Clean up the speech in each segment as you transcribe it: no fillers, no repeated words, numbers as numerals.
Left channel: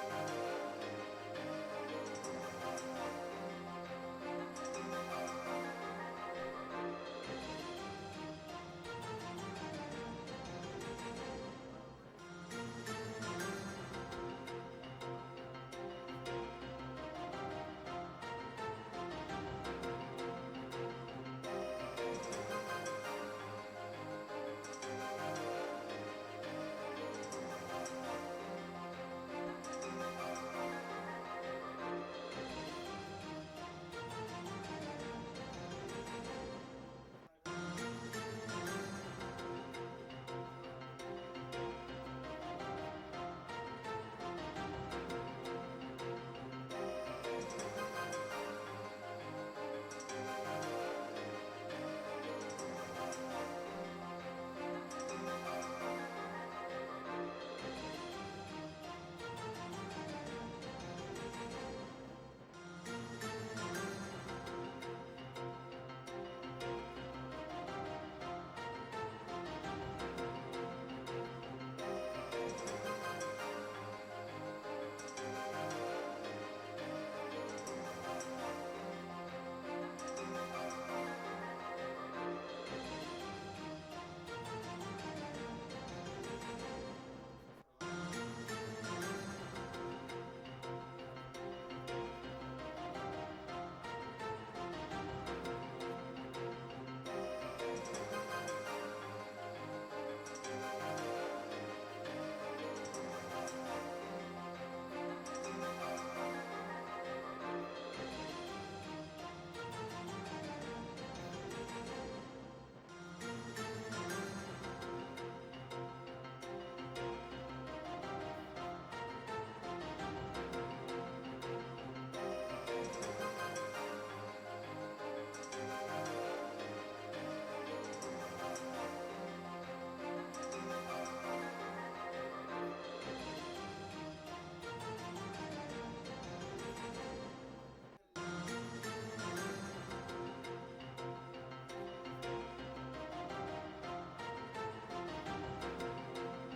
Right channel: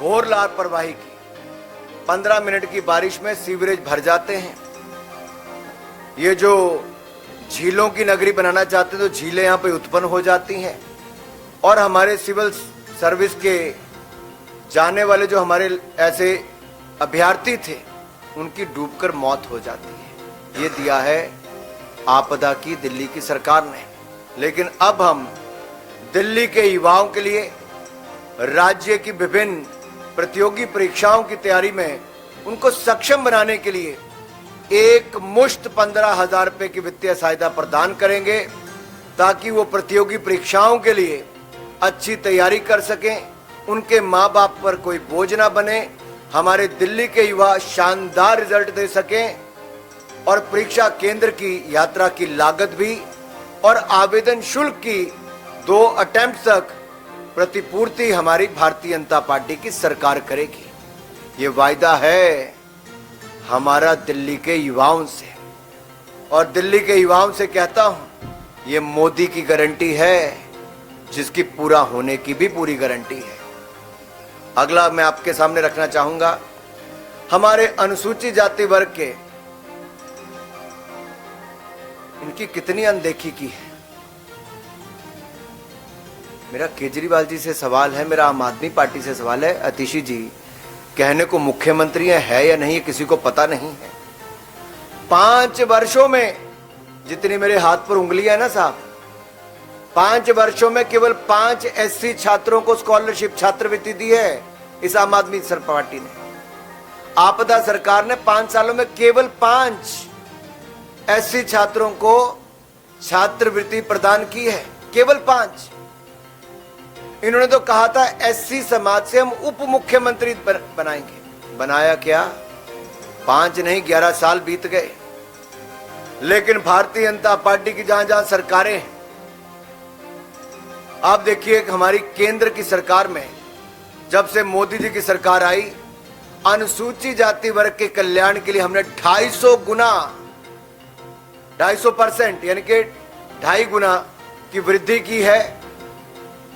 घोर लापरवाही की। 15 मिनट की बारिश में सीवरेज भर जाते हैं। ये जो झीलों की नगरी बनाना चाहते हैं तो झीलें यहाँ पे उत्पन्न हो जाती हैं और हमारे सिविल सर्विस के जाने वाले जो हमारे ऐसे अभ्यर्थी थे उनकी डूबकर मौत हो जाती है। ये दिया है आपदा की दिल्ली की सरकार ने। लेकिन अब हम दिल्ली के युवाओं के लिए राज्य की विभिन्न प्रतियोगी परीक्षाओं की तैयारी में उनको सक्षम बनाने के लिए एक मुश्त 15,000 रुपए की वित्तीय सहायता प्रदान करेंगे ताकि वो प्रतियोगी परीक्षाओं के लिए अच्छी तैयारी कर सकें, उनके माँ बाप पर कोई बोझ ना बने, हमारे दिल्ली के युवा शानदार रिजल्ट दे सकें और परीक्षा केंद्र की यात्रा की लागत भी और आवेदन शुल्क की 2 अटेम्प्ट तक प्रतिपूर्ति हमारी भारतीय जनता पार्टी की सरकार करेगी। ये वायदा है हमारा दिल्ली के युवाओं से और दिल्ली के युवाओं से कहता हूं, ये मोदी की गारंटी है जिसकी पूरा होने की भी पूरी गारंटी है। अगला मैं आपके सामने रखना चाहूंगा हमारे अनुसूचित जाति वर्ग के, इनकी कितनी अनदेखी की है। मेरा केजरीवाल जी से सवाल है, मेरा आम आदमी पार्टी से सवाल है, अतिशी जी कहने को मुख्यमंत्री है या नहीं किसी को पता नहीं है। 5 वर्षों में जितनी मेरे हाथ पर उंगलियां है ना साहब, 5 वर्षों में केवल 5 एससी छात्रों को स्कॉलरशिप छात्रवृत्ति दी है इस आम आदमी पार्टी ने। आपदा सरकार ने 5 सालों में केवल 5 एससी छात्रों को छात्रवृत्ति प्रदान की है, केवल 5। इन्होंने तो कहा था एससी समाज से हम उप मुख्यमंत्री बनाएंगे। बनाया क्या? 5 नहीं 11 साल बीत गए। लेकिन भारतीय जनता पार्टी की जहां जहां सरकारें हैं, आप देखिए हमारी केंद्र की सरकार में जब से मोदी जी की सरकार आई, अनुसूचित जाति वर्ग के कल्याण के लिए हमने 250 गुना 250% यानी कि 2.5 गुना की वृद्धि की है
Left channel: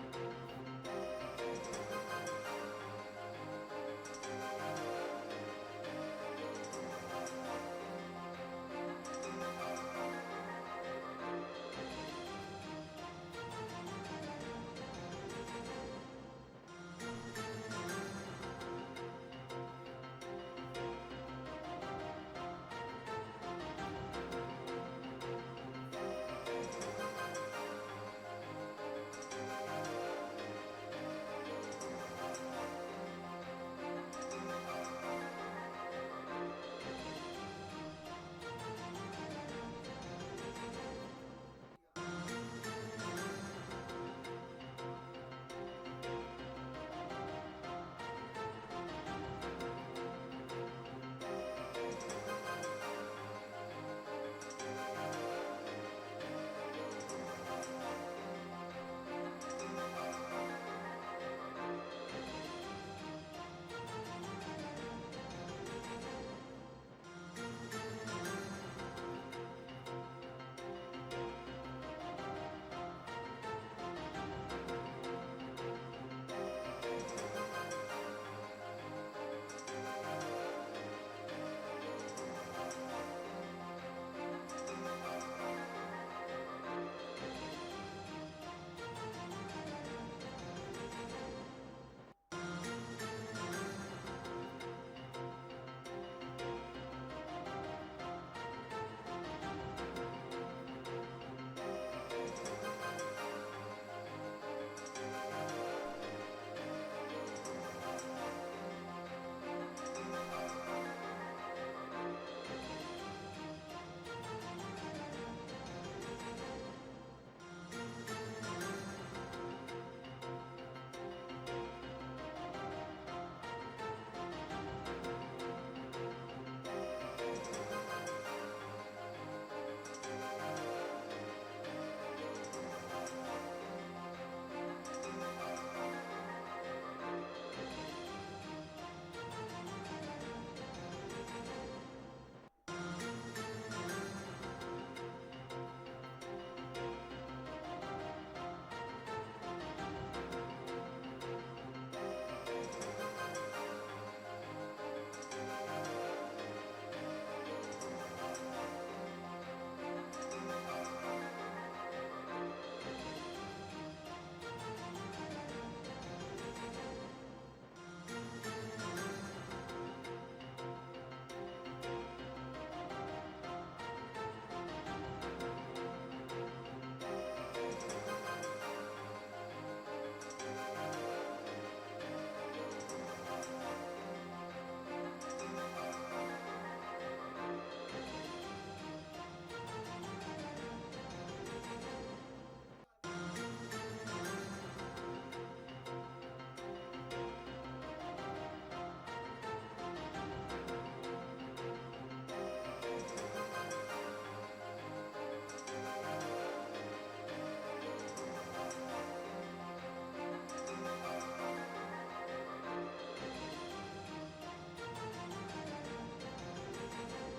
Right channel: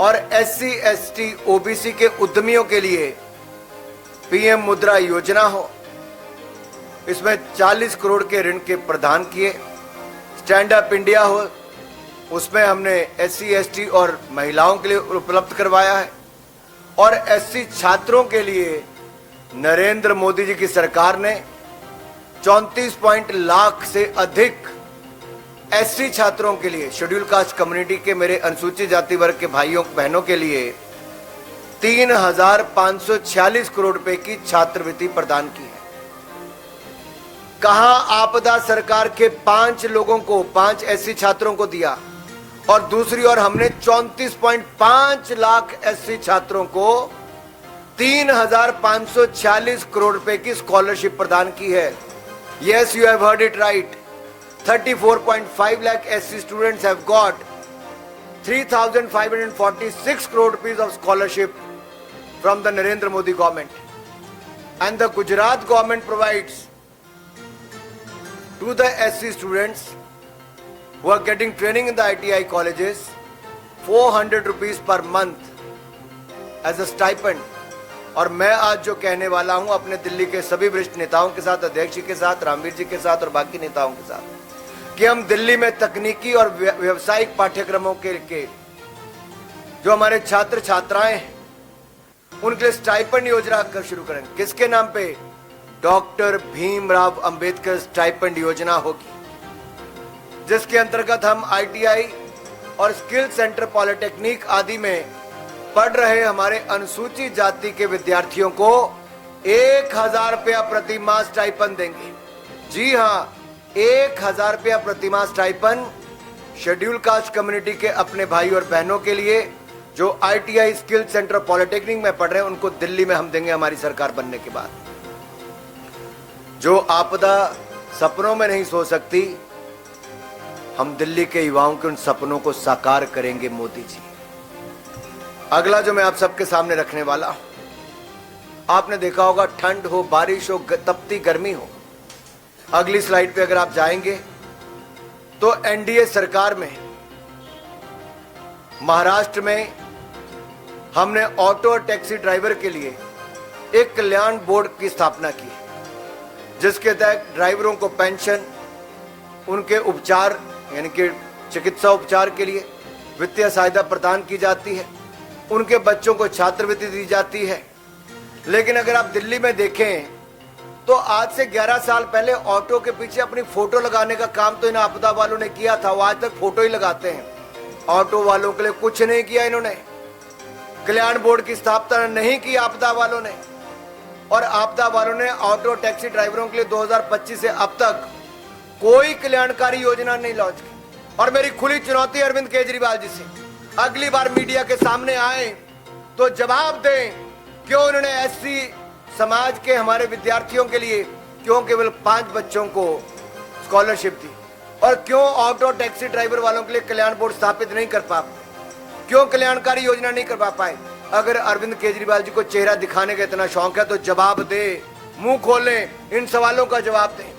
और एससी एसटी ओबीसी के उद्यमियों के लिए पीएम मुद्रा योजना हो, इसमें 40 करोड़ के ऋण के प्रदान किए। स्टैंड अप इंडिया हो, उसमें हमने एससी एसटी और महिलाओं के लिए उपलब्ध करवाया है और एससी छात्रों के लिए नरेंद्र मोदी जी की सरकार ने 34 लाख से अधिक एससी छात्रों के लिए, शेड्यूल कास्ट कम्युनिटी के मेरे अनुसूचित जाति वर्ग के भाइयों बहनों के लिए 3,546 करोड़ रुपए की छात्रवृत्ति प्रदान की है। कहां आपदा सरकार के 5 लोगों को 5 एससी छात्रों को दिया और दूसरी ओर हमने 34.5 लाख एससी छात्रों को 3,546 करोड़ रुपए की स्कॉलरशिप प्रदान की है। Yes, you have heard it right. 34.5 lakh SC students have got 3,546 crore rupees of scholarship from the Narendra Modi government, and the Gujarat government provides to the SC students who are getting training in the ITI colleges 400 rupees per month as a stipend। और मैं आज जो कहने वाला हूं अपने दिल्ली के सभी वरिष्ठ नेताओं के साथ, अध्यक्ष जी के साथ, रामवीर जी के साथ और बाकी नेताओं के साथ, कि हम दिल्ली में तकनीकी और व्यावसायिक पाठ्यक्रमों के जो हमारे छात्र छात्राएं हैं उनके लिए स्टाइपेंड योजना कर शुरू करेंगे। किसके नाम पे? डॉक्टर भीमराव अंबेडकर स्टाइपेंड योजना होगी, जिसके अंतर्गत हम ITI और स्किल सेंटर पॉलिटेक्निक आदि में पढ़ रहे हमारे अनुसूचित जाति के विद्यार्थियों को 1,000 रुपया प्रति माह स्टाइपेंड देंगे। जी हां, 1,000 रुपया प्रति माह स्टाइपेंड शेड्यूल कास्ट कम्युनिटी के अपने भाई और बहनों के लिए जो ITI स्किल सेंटर पॉलिटेक्निक में पढ़ रहे हैं, उनको दिल्ली में हम देंगे हमारी सरकार बनने के बाद। जो आपदा सपनों में नहीं सो सकती, हम दिल्ली के युवाओं के उन सपनों को साकार करेंगे मोदी जी। अगला जो मैं आप सबके सामने रखने वाला हूं, आपने देखा होगा ठंड हो, बारिश हो, तपती गर्मी हो। अगली स्लाइड पे अगर आप जाएंगे तो एनडीए सरकार में महाराष्ट्र में हमने ऑटो और टैक्सी ड्राइवर के लिए एक कल्याण बोर्ड की स्थापना की, जिसके तहत ड्राइवरों को पेंशन, उनके उपचार यानी कि चिकित्सा उपचार के लिए वित्तीय सहायता प्रदान की जाती है, उनके बच्चों को छात्रवृत्ति दी जाती है। लेकिन अगर आप दिल्ली में देखें तो आज से 11 साल पहले ऑटो के पीछे अपनी फोटो लगाने का काम तो इन आपदा वालों ने किया था, वो आज तक फोटो ही लगाते हैं। ऑटो वालों के लिए कुछ नहीं किया इन्होंने, कल्याण बोर्ड की स्थापना नहीं की आपदा वालों ने, और आपदा वालों ने ऑटो टैक्सी ड्राइवरों के लिए 2025 से अब तक कोई कल्याणकारी योजना नहीं लॉन्च की। और मेरी खुली चुनौती अरविंद केजरीवाल जी से, अगली बार मीडिया के सामने आए तो जवाब दें, क्यों उन्होंने एससी समाज के हमारे विद्यार्थियों के लिए क्यों केवल 5 बच्चों को स्कॉलरशिप दी, और क्यों ऑटो टैक्सी ड्राइवर वालों के लिए कल्याण बोर्ड स्थापित नहीं कर पाए, क्यों कल्याणकारी योजना नहीं करवा पाए। अगर अरविंद केजरीवाल जी को चेहरा दिखाने का इतना शौक है तो जवाब दे, मुंह खोलें, इन सवालों का जवाब दें।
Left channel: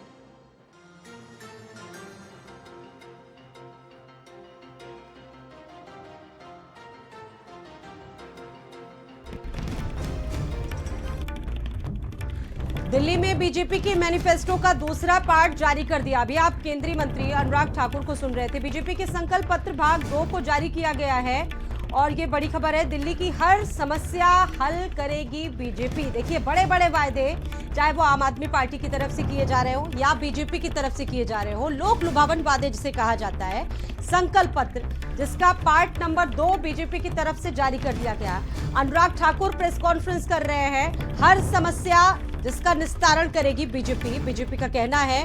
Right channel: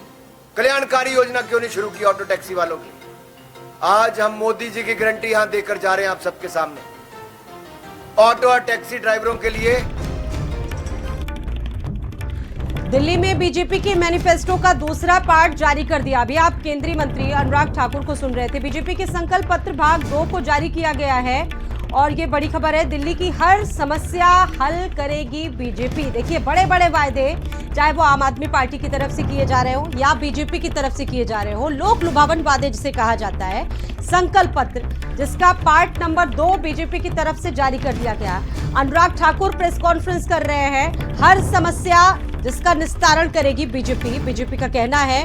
कल्याणकारी योजना क्यों नहीं शुरू की ऑटो टैक्सी वालों की? आज हम मोदी जी की गारंटी यहां देकर जा रहे हैं आप सबके सामने। ऑटो और टैक्सी ड्राइवरों के लिए दिल्ली में बीजेपी के मैनिफेस्टो का दूसरा पार्ट जारी कर दिया। अभी आप केंद्रीय मंत्री अनुराग ठाकुर को सुन रहे थे। बीजेपी के संकल्प पत्र भाग 2 को जारी किया गया है और ये बड़ी खबर है, दिल्ली की हर समस्या हल करेगी बीजेपी। देखिए, बड़े बड़े वायदे, चाहे वो आम आदमी पार्टी की तरफ से किए जा रहे हो या बीजेपी की तरफ से किए जा रहे हो, लोक लुभावन वादे जिसे कहा जाता है, संकल्प पत्र जिसका पार्ट नंबर 2 बीजेपी की तरफ से जारी कर दिया गया। अनुराग ठाकुर प्रेस कॉन्फ्रेंस कर रहे हैं, हर समस्या जिसका निस्तारण करेगी बीजेपी। बीजेपी का कहना है